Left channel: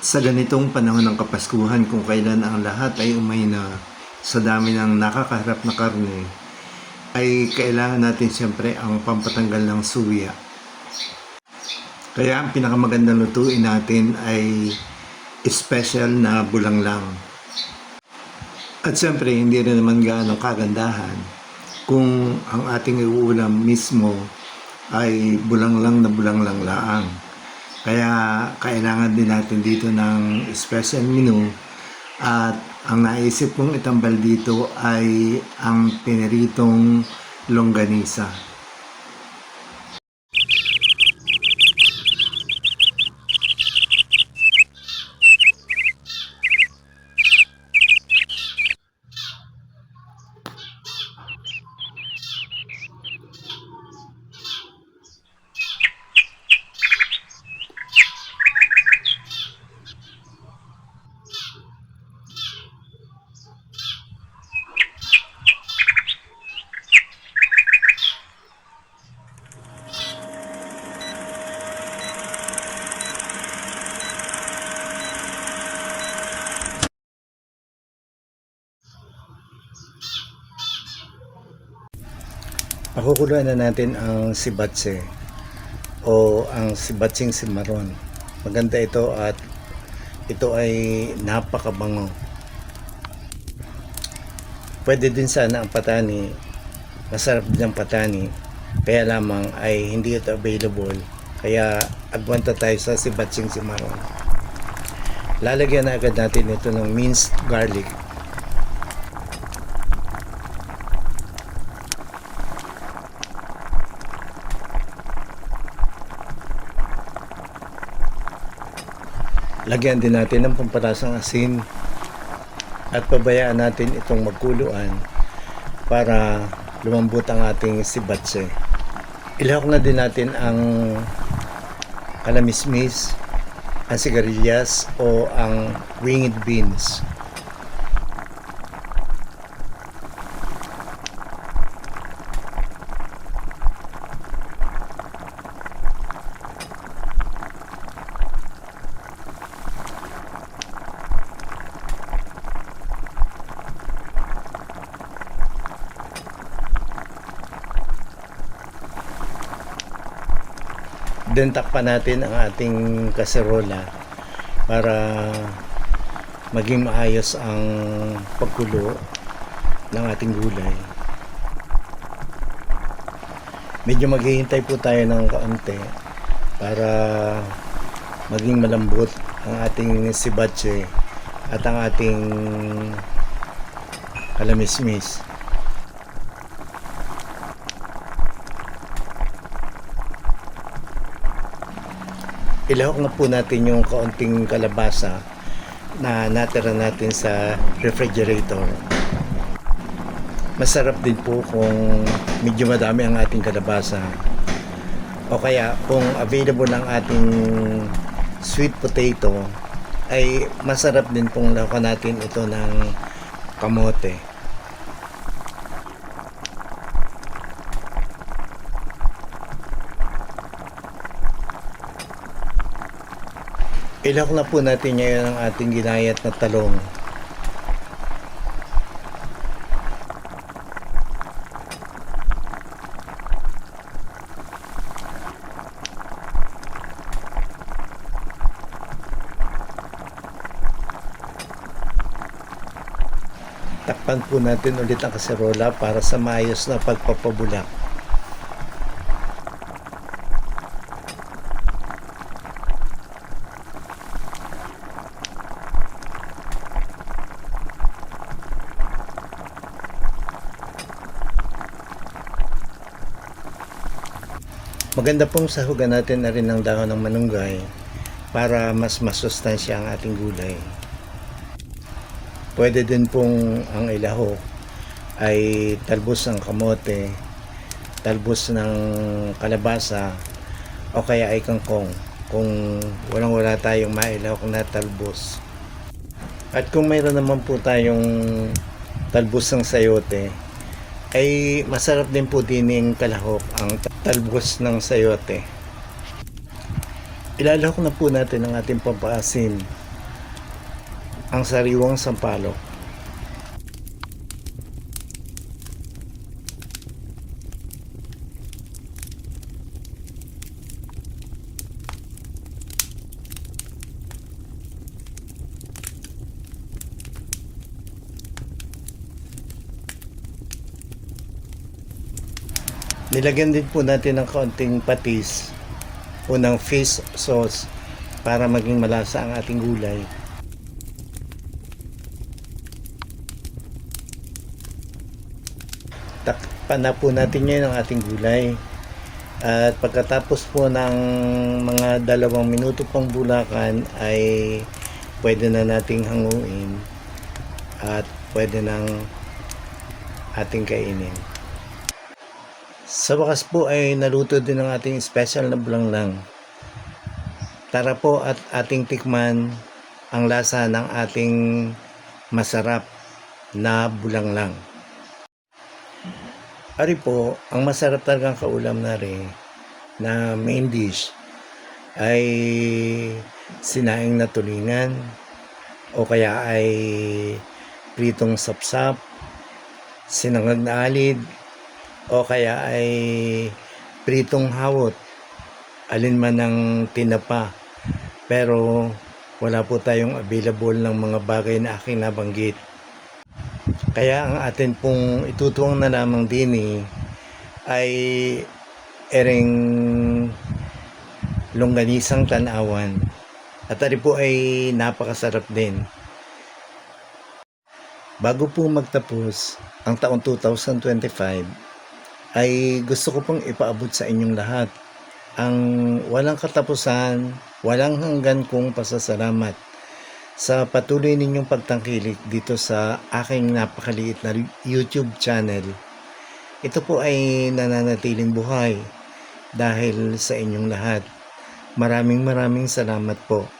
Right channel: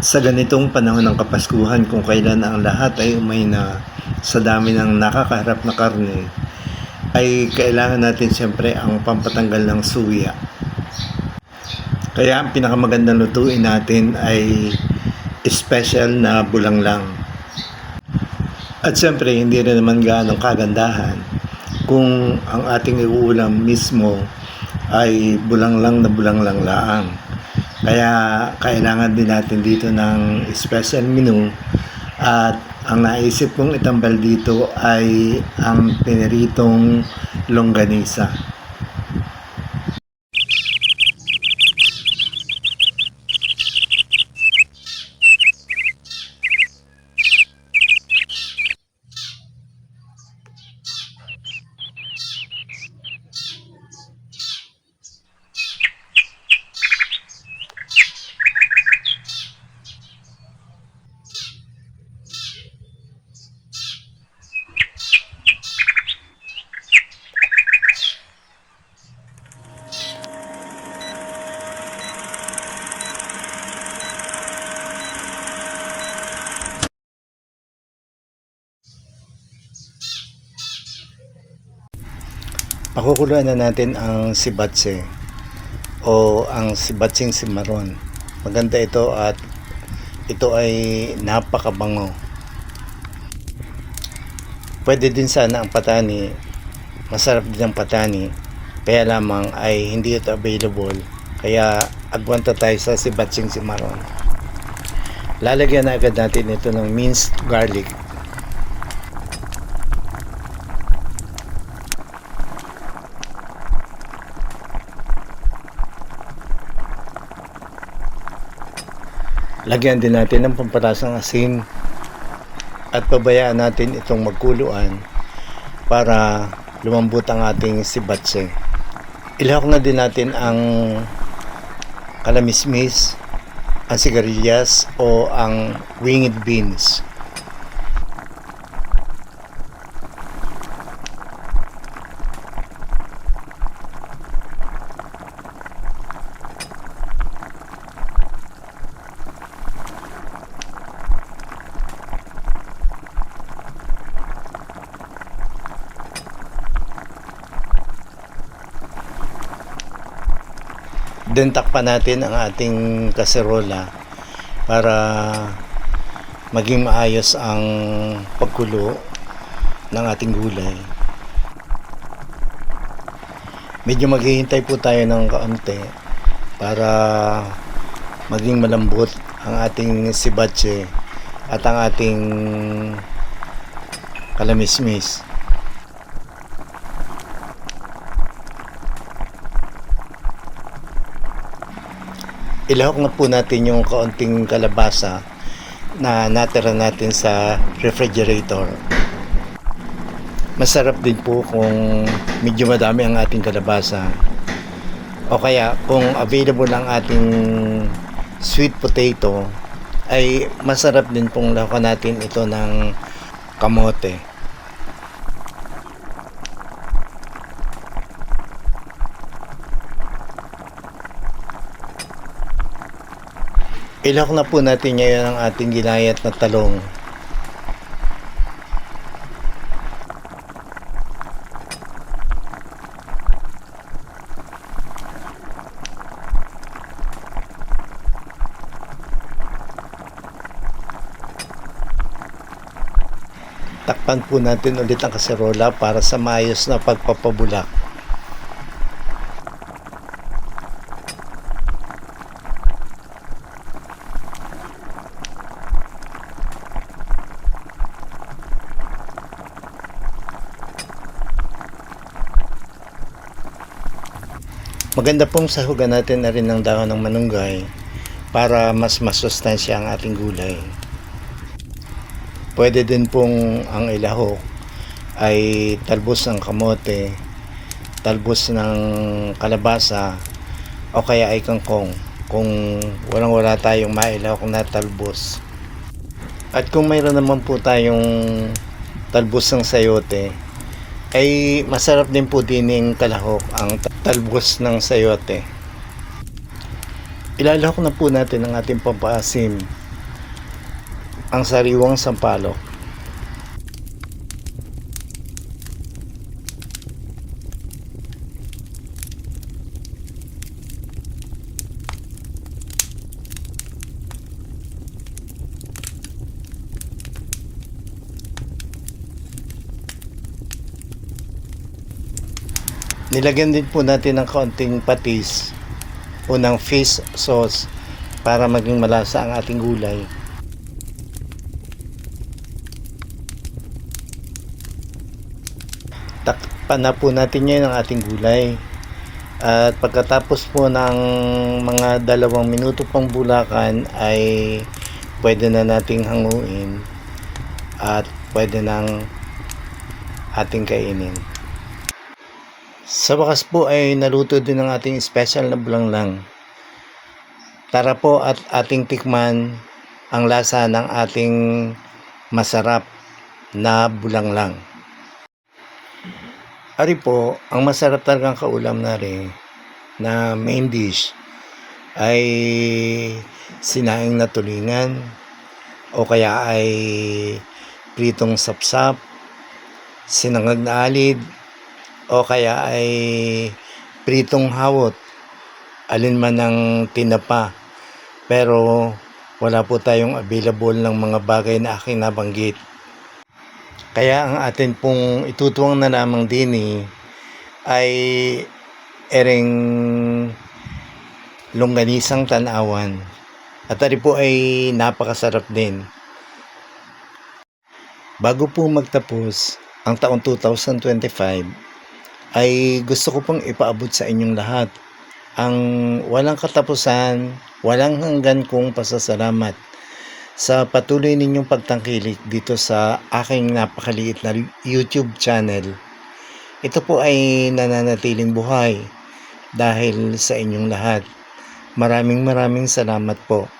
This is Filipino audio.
Sa ganitong panahon ng Kapaskuhan, kung kailan ang lahat ay umahina sa dami ng nakakaharap na karne, ay kailangan natin siyempre ang pampatanggal ng suya. Kaya ang pinakamagandang lutuin natin ay special na bulanglang. At siyempre hindi rin naman gaanong kagandahan kung ang ating iuulam mismo ay bulanglang laang. Kaya kailangan din natin dito ng special menu, at ang naisip kong itambal dito ay ang piniritong longganisa. Pakukuluan na natin ang sibatse o ang sibatsing simaron. Maganda ito at ito ay napakabango. Pwede din sana ang patani, masarap din ang patani, kaya lamang ay hindi ito available, kaya agwanta tayo sa sibatsing simaron. Lalagyan na agad natin ito ng minced garlic. Lagyan din natin ng pampalasang asin at pabayaan natin itong magkuluan para lumambot ang ating sibatse. Ilahok na din natin ang kalamismis, ang sigarilyas o ang winged beans. Then takpan natin ang ating kaserola para maging maayos ang pagkulo ng ating gulay. Medyo maghihintay po tayo ng kaunti para maging malambot ang ating sibatse at ang ating kalamismis. Ilahok na po natin yung kaunting kalabasa na natira natin sa refrigerator. Masarap din po kung medyo madami ang ating kalabasa, o kaya kung available ang ating sweet potato, ay masarap din pong lahukan natin ito ng kamote. Ilahok na po natin ngayon ang ating ginayat na talong. Takpan po natin ulit ang kaserola para sa maayos na pagpapabulak. Maganda pong sahugan natin na rin ng dahon ng manunggay para mas masustansya ang ating gulay. Pwede din pong ang ilahok ay talbos ng kamote, talbos ng kalabasa, o kaya ay kangkong kung wala tayong mailahok na talbos. At kung mayroon naman po tayong talbos ng sayote, ay masarap din po din yung kalahok ang talbos ng sayote. Ilalahok na po natin ang ating pampaasim ang sariwang sampalok. Nilagyan din po natin ng kaunting patis o ng fish sauce para maging malasa ang ating gulay. Takpan na po natin ngayon ang ating gulay. At pagkatapos po ng mga 2 minuto pang bulakan ay pwede na nating hanguin at pwede nang ating kainin. Sa wakas po ay naluto din ang ating special na bulanglang. Tara po at ating tikman ang lasa ng ating masarap na bulanglang. Ari po, ang masarap talagang kaulam na rin na main dish ay sinaing na tulingan o kaya ay pritong sapsap, sinangag na alid, o kaya ay pritong hawot, alin man ang tinapa. Pero wala po tayong available ng mga bagay na aking nabanggit. Kaya ang atin pong itutuwang na lamang din ay ering longganisang tanawan. At ari po ay napakasarap din. Bago po magtapos ang taong 2025, ay gusto ko pong ipaabot sa inyong lahat ang walang katapusan, walang hanggan kong pasasalamat sa patuloy ninyong pagtangkilik dito sa aking napakaliit na YouTube channel. Ito po ay nananatiling buhay dahil sa inyong lahat. Maraming salamat po.